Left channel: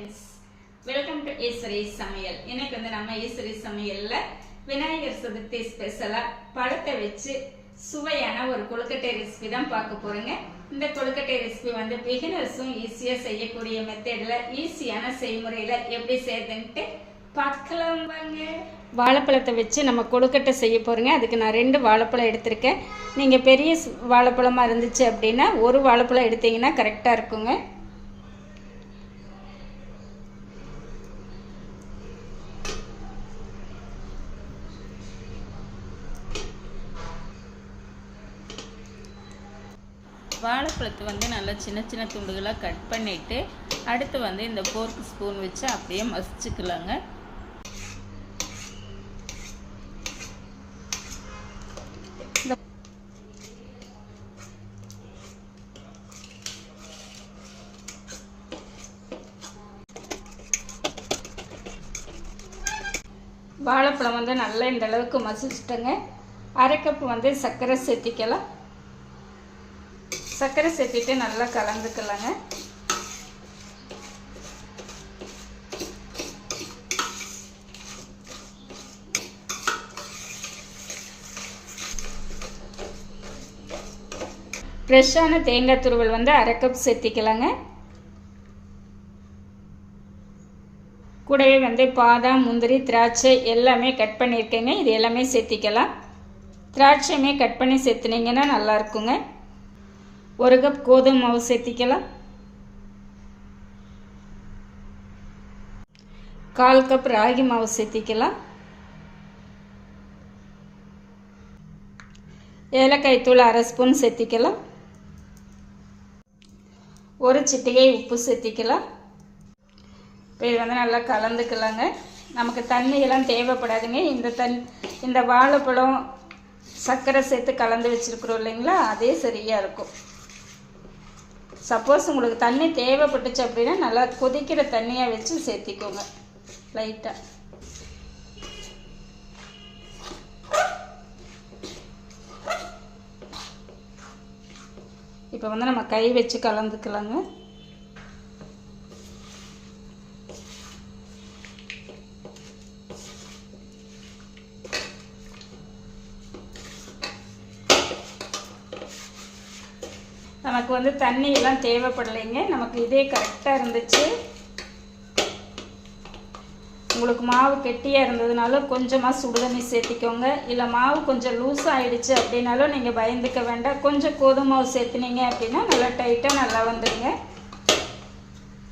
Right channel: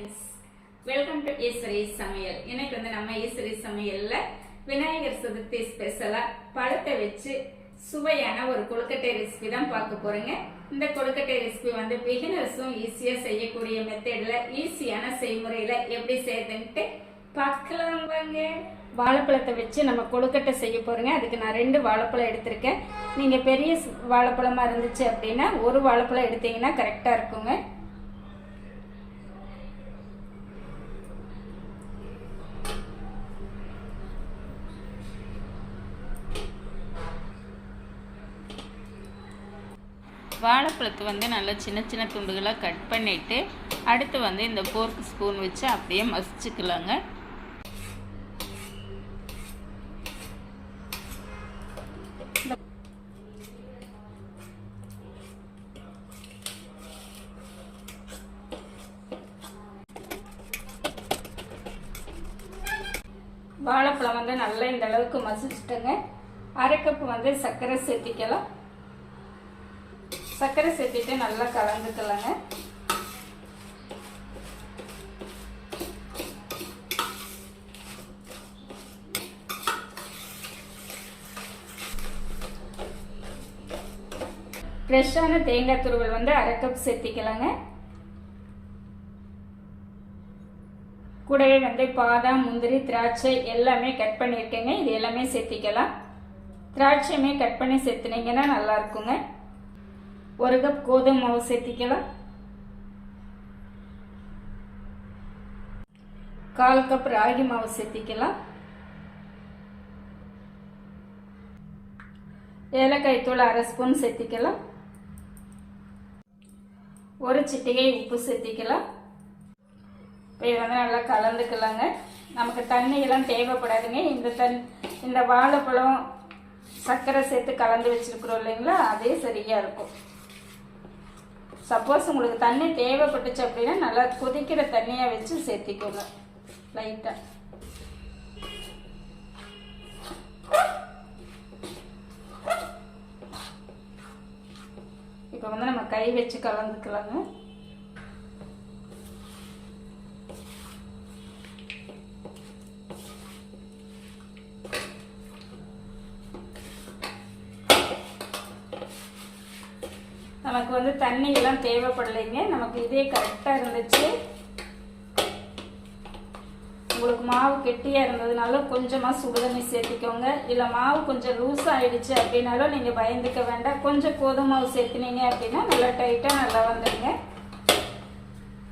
Friends welcome to Eswari சமையல் இன்னைக்கு வந்து நம்ம ஈஸ்வரி சமையலில் விநாயகர் சதுர்த்தி ஸ்பெஷலாக பழத்தை வச்சு சுவையான ஒரு கொழுக்கட்டை ரெசிபி தான் பார்க்க போறோங்க. இந்த கொழுக்கட்டை ரெசிபி வந்து பிகினர்ஸும் ஈஸியாக செய்யக்கூடிய மெத்தடில் ஈஸியான செய்முறையில் எப்படி செய்யுதுன்ட்டு பார்க்கலாம் வாங்க. வாழைப்பழத்தை வச்சு நம்ம கொழுக்கட்டை செய்ய போகிறோங்க அதுக்கு நான் ரெண்டு வாழைப்பழம் எடுத்திருக்கேன். நீங்கள் பெரிய வாழைப்பழமாக இருந்துச்சு அப்படின்னா ஒரு வாழைப்பழம் எடுத்தீங்கன்னா கரெக்டாக இருக்குங்க. வாழைப்பழத்தை வந்து நல்லா சின்ன சின்ன துண்டுகளாக கட் பண்ணிவிட்டு அடுத்து வந்து இந்த ஃபோர்க் ஸ்பூன் வச்சு அப்படியே மசிச்சுக்கலாங்க. வாழைப்பழம் வந்து நல்லா இந்த அளவுக்கு மசிச்சிட்டங்க. அரை கப் வந்து சர்க்கரை சேர்த்திக்கலாம். சர்க்கரை சேர்த்துட்டு நல்லா கலந்துக்கலாங்க. ஃப்ரெஷ்ஷான தேங்காய் துருவல் வந்து அரை கப் சேர்த்திக்கலாங்க. கூடவே வந்து பாதாம் முந்திரி திராட்சை எல்லாமே கட் பண்ணியிருக்கேங்க. இது எல்லாமே சேர்த்திக்கலாம். திராட்சையுமே கட் பண்ணி சேர்த்துனீங்கன்னா நல்லாயிருக்குங்க ஒரு கப் கோதுமை மாவு சேர்த்திக்கலாம். கால் கப் ராகி மாவு சேர்த்திக்கலாம். ஏலக்காய் தூள் அரை ஸ்பூன் சேர்த்திக்கலாம். ஒரு சிட்டிகை உப்பு சேர்த்திக்கலாம். இப்போ இது வந்து நல்லா கலந்துக்கலாங்க. நமக்கு தண்ணியெல்லாம் தேவைப்படாதுங்க. இந்த தண் இந்த வாழைப்பழம் சர்க்கரை சேர்த்து கலந்து வச்சுருக்குறோம் இல்லைங்களா? அதே சரியாக இருக்கும். சப்போஸ் உங்களுக்கு தண்ணி தேவைப்பட்டுச்சு அப்படின்னா நல்லா கொதிக்கிற தண்ணியாக வச்சு சேர்த்திக்கோங்க. லைட்டாக இப்போ வந்து நம்ம கை வச்சு கலந்துக்கலாங்க. நமக்கு வந்து தண்ணி எல்லாம் தேவைப்படலைங்க. நமக்கு இதே கரெக்டாக இருந்துச்சு. உங்களுக்கு மாவு கெட்டியாக இருந்ததுனாலும் கொஞ்சமாக சுடுதண்ணி சேர்த்திக்கோங்க. இல்லை மாவு கொஞ்சம் லூஸ் ஆகிடுச்சு அப்படின்னாலும் நீங்கள் பயந்துக்க வேண்டாம். கொஞ்சம் கோதுமை மாவு சேர்த்துனீங்க அப்படின்னா நல்லா டைட்டாக நல்லா வந்துடுங்க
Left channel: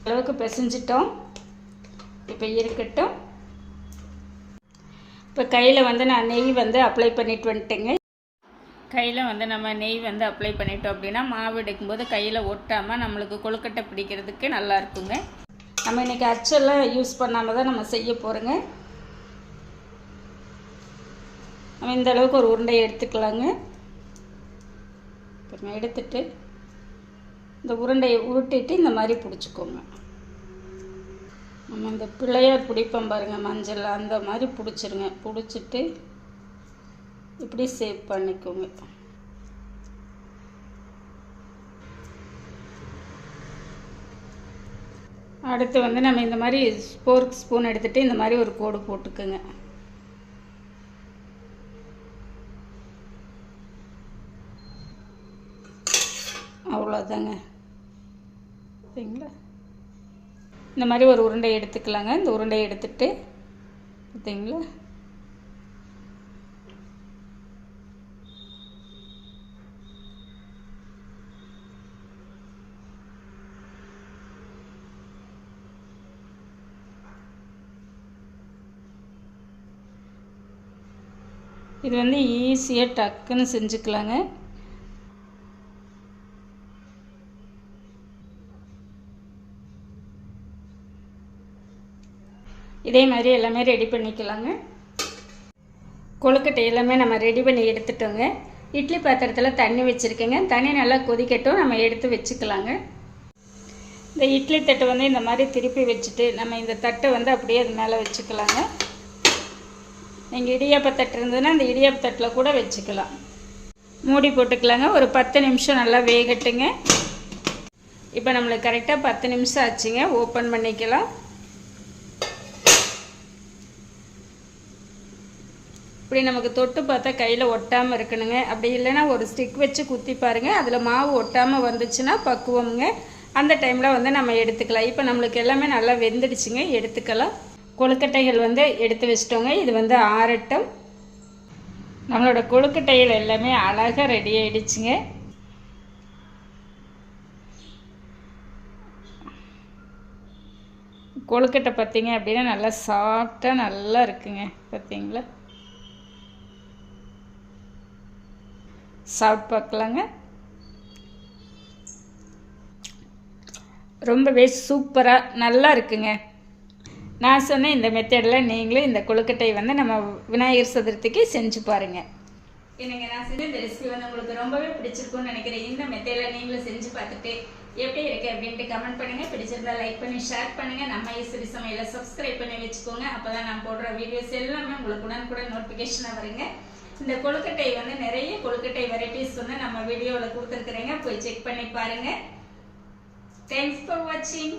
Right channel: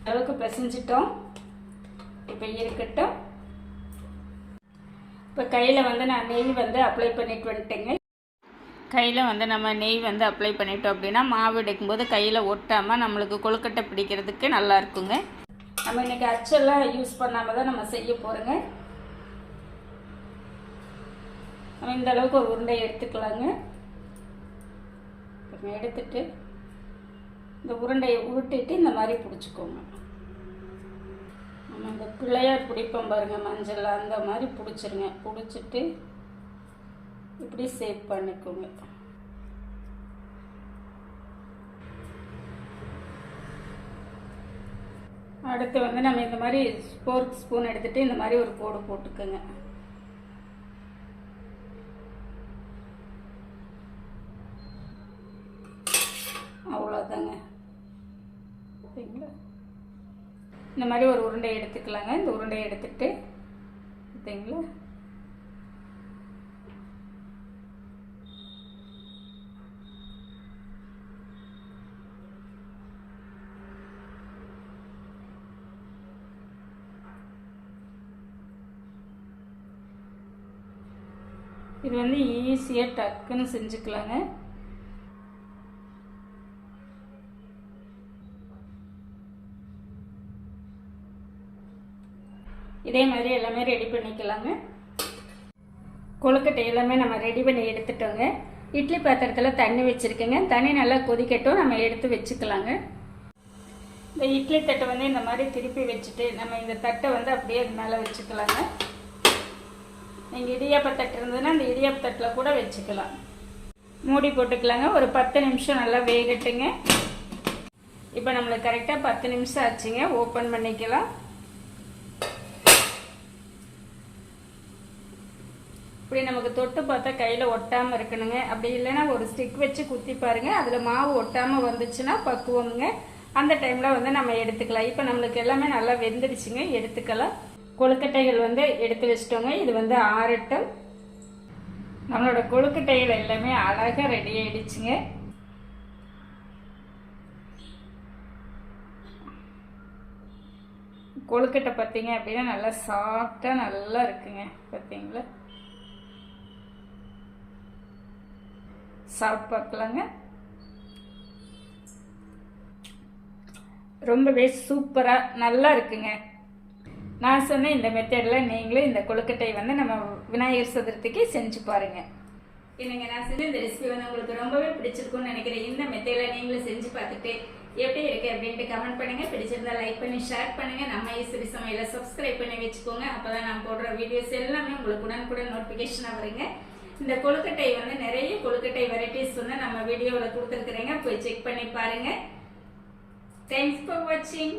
அளவுக்கு பிசைஞ்சிட்டோம். இப்போ இருக்கட்டும். இப்போ கையில் வந்து நான் நெய் வந்து அப்ளை பண்ணிட்டு வந்துட்டேங்க. கையில் வந்து நம்ம நெய் வந்து அப்ளை பண்ணிட்டோம் அப்படின்னா மாவு எடுக்கும்போது கையில் ஒட்டாமல் நம்மளுக்கு கொழுக்கட்டை பிடிக்கிறதுக்கு நல்லா இருக்குங்க. நம்ம இன்னைக்கு அச்செல்லாம் யூஸ் பண்ணாமல் தான் நம்ம செய்ய போகிறோங்க நம்ம இந்த அளவுக்கு ஒரு உருண்டை எடுத்துக்கலாங்க. இப்போ எடுத்துட்டு இந்த உருண்டையை உருட்டிட்டு இந்த மாதிரி பிடிச்சிக்கோங்க. நம்ம இந்த பிள்ளையார் பிடிப்போம் பாருங்கள் மஞ்சள் அந்த மாதிரி பிடிச்சிருங்க. பிடிச்சிட்டு இப்படி சேவ் பண்ணிக்கோங்க. அடுத்து வந்து நம்ம இந்த மாதிரி ஃபோர்க் ஸ்பூன் எடுத்துகிட்டு இந்த மாதிரி ஒரு கோடு போட்டுக்கோங்க. அவ்வளோதாங்க சரிங்களா? இந்த மாதிரி ஒரு உருண்டை எடுத்துக்கலாங்க. இந்த உருண்டையை எடுத்துகிட்டு பார்த்தீங்களா இது வந்து ஈஸியாக டக்குன்னு செஞ்சுக்கலாங்க. இதே மாதிரி எல்லாமே ரெடி பண்ணிக்கலாங்க. கொழுக்கட்டை எல்லாமே நம்ம ரெடி பண்ணி எடுத்துட்டோங்க. இட்லி பாத்திரத்தில் தண்ணி வச்சுருக்கேங்க. தண்ணி நல்லா கொதிக்கட்டும் நம்ம எடுத்து வச்சுக்கலாங்க. இந்த இட்லி தட்டை வந்து இந்த மாதிரி திருப்பி வச்சுட்டு நம்ம இந்த தட்டை வந்து அப்படியே அது மேலே வச்சுக்கலாங்க. நீங்கள் இடியாப்ப தட்டு இருந்ததுன்னா அந்த இடியாப்ப தட்டில் கூட வச்சுக்கலாம். மூடி போட்டுக்கலாங்க. ஒரு பத்து நிமிஷம் நல்லா வேகட்டுங்க. இப்போ நம்மளுக்கு கரெக்டாக பத்து நிமிஷம் ஆச்சுங்க. ஓப்பன் பண்ணிக்கலாம். இப்படி நமக்கு தொட்டு பார்த்தா கையில் ஒட்டாமல் இருக்கணுங்க. அப்படி இல்லைன்னா ஒரு ஸ்டிக் வச்சு குத்தி பாருங்க. அதில் மாவு ஒட்டாமல் வந்துச்சுன்னா பக்குவமுங்க. அந்த டைமில் வந்து நம்ம எடுத்துக்கலாம். இப்போ நம்மளுக்கு எல்லாமே நல்லா வெந்துடுச்சுங்க. எடுத்துக்கலாம். கொழுக்கட்டைகள் வந்து எடுத்து வச்சிட்டோங்க. இது வந்து ஆறட்டும். நம்மளோட கொழுக்கட்டைகள் எல்லாமே அழகாக ரெடி ஆகிடுச்சுங்க கொழுக்கட்டை பார்த்தீங்க அப்படின்னா நல்லா சாஃப்டாக நல்லா இருக்குங்க. பார்த்தீங்களா? சாப்பிட்டு பார்க்கலாங்க. ரொம்பவே சூப்பராக நல்லா இருக்குங்க. நான் சொன்ன இந்த மெத்தடில் நீங்களும் இந்த கொழுக்கட்டை வந்து நம்ம விநாயகர் சதுர்த்திக்கு செஞ்சு பாருங்க. என்னங்க நான் செஞ்ச இந்த ரெசிபி வந்து உங்களுக்கு ரொம்பவே பிடிச்சிருக்கும்னு நினைக்கிறேன். இந்த மெத்தடில் நீங்களும் செஞ்சு பார்த்துட்டு எப்படி இருக்கு அப்படின்ட்டு கமெண்ட் பண்ணுங்கள் பிடிச்சிருந்தா லைக் பண்ணி ஷேர் பண்ணுங்கள் நம்ம ஈஸ்வரி சமையலை சப்ஸ்கிரைப் பண்ணி வச்சுக்கோங்க. அப்போ தான் நான் போடுற வீடியோஸ் எல்லாமே உங்களுக்கு உடனுக்குடன் நோட்டிஃபிகேஷனாக வருங்க. இந்த கொழுக்கட்டை வந்து நிறைய கொழுக்கட்டை வெரைட்டிஸ் வந்து நம்ம வீடியோவில் கொடுத்துருக்குறேங்க. போய் செக் பண்ணி பாருங்கள் தேங்க்ஸ் ஃபார் வாட்சிங்